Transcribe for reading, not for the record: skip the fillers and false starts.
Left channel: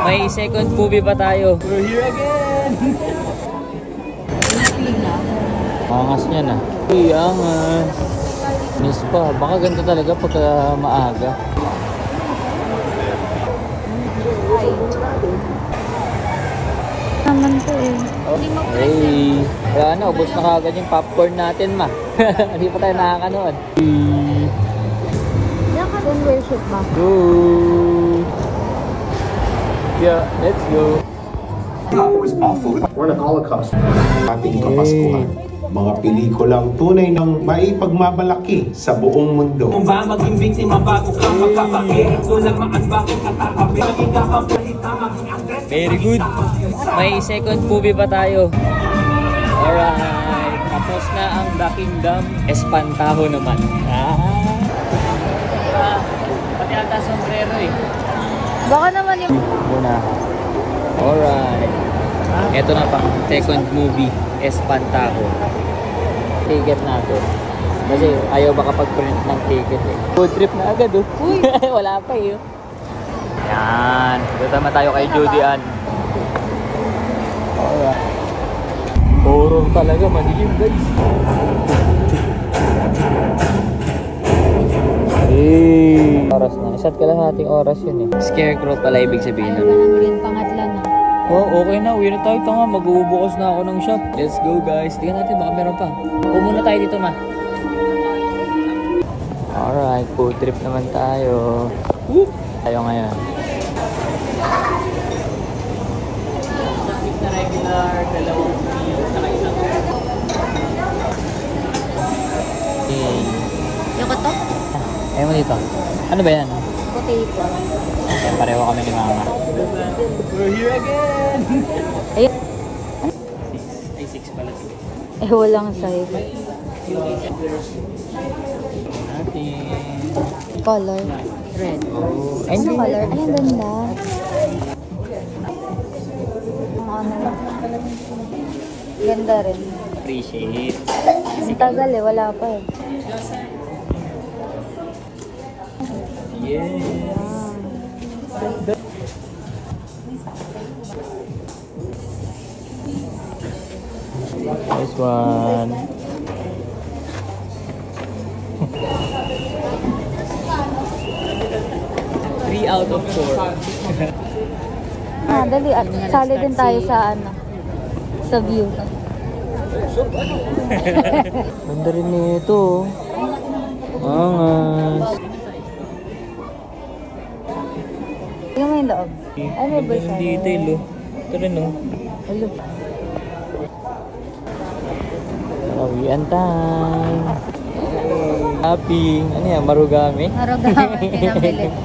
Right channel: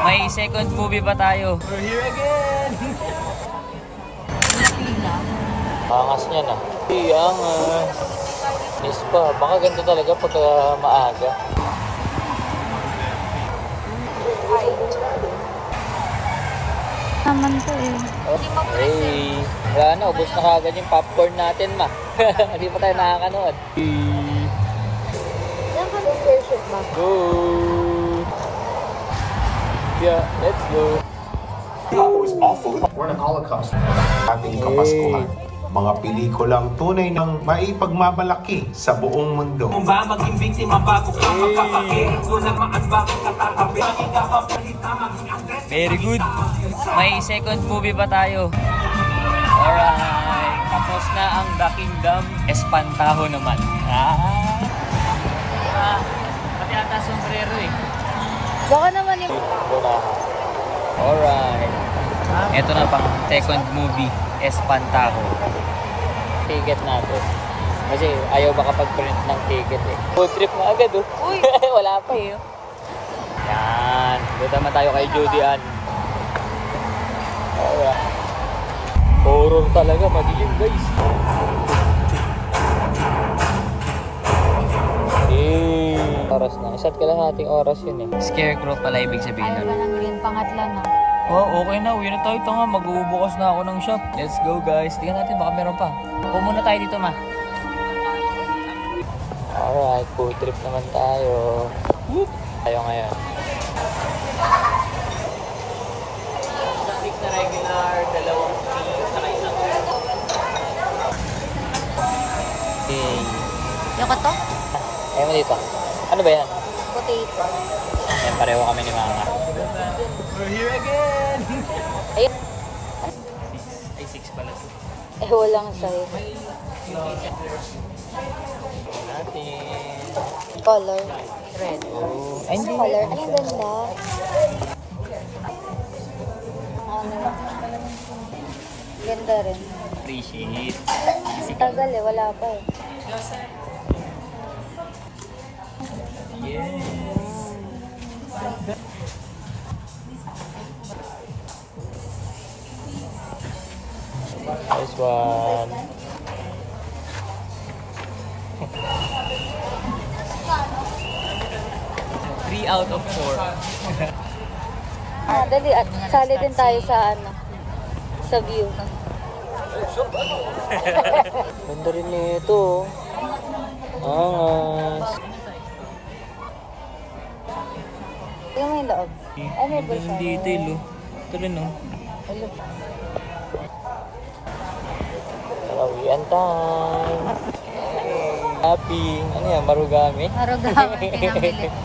May second movie pa tayo. We're here again! Angas niya na. Hey, angas. Miss pa. Baka ganda talaga pagka maaga. Naman to eh. Hindi mo present. Hey. Ano, ubos na agad yung popcorn natin, ma. Hindi pa tayo nakakanood. Worship ba? Good. Yeah, let's go. Was awful. We're in the Holocaust. Ating Kapaskuhan. Mga pelikulang tunay ng maipagmamalaki sa buong mundo. Kung ba maging biktima bago ka magkapake, kulang maanbako katatabi. Very good. May second movie pa tayo. Alright. Tapos na ang The Kingdom. Espantaho naman. Pati ata sombrero eh. Baka naman yung... Alright. Ito na pang second movie. Espantaho. Ticket natin. Kasi ayaw makapag-print ng ticket eh. Food trip na agad oh. Uy! Wala pa eh. Yan. Punta na tayo kay Judy Ann. Burong talaga. Madilim guys. Hey. Oras na. Isat ka lang nating oras yun eh. Scarecrow pala ibig sabihin nun. Green pangatla na. Oh, okay na. Uwi na tayo. Tanga, mag-uubukas na ako ng shop. Let's go guys. Tingnan natin baka meron pa. Muna tayo dito ma. Alright, food trip naman tayo. Whoop! Tayo ngayon. Isang na regular, dalawang free, saka isang Yoko to? Ayaw mo dito. Ano ba yan? Potato. Pareho kami ni mama. We're here again! Ayun. 6. Ay, 6 pala. Eh, walang size. Natin. Color. Red. And Ano color? Ay, ganda. Ganda rin. Appreciate. Ang tagal eh, wala pa eh. Yes. This one. 3 out of 4. Dali, sali din tayo sa ano, sa view. Ganda rin nito. Angas. Tingnan mo yung loob. Ganda ng detail oh. Ito rin oh. Mawian time. Happy. Ano yan? Marugami? Marugami, pinamili ko.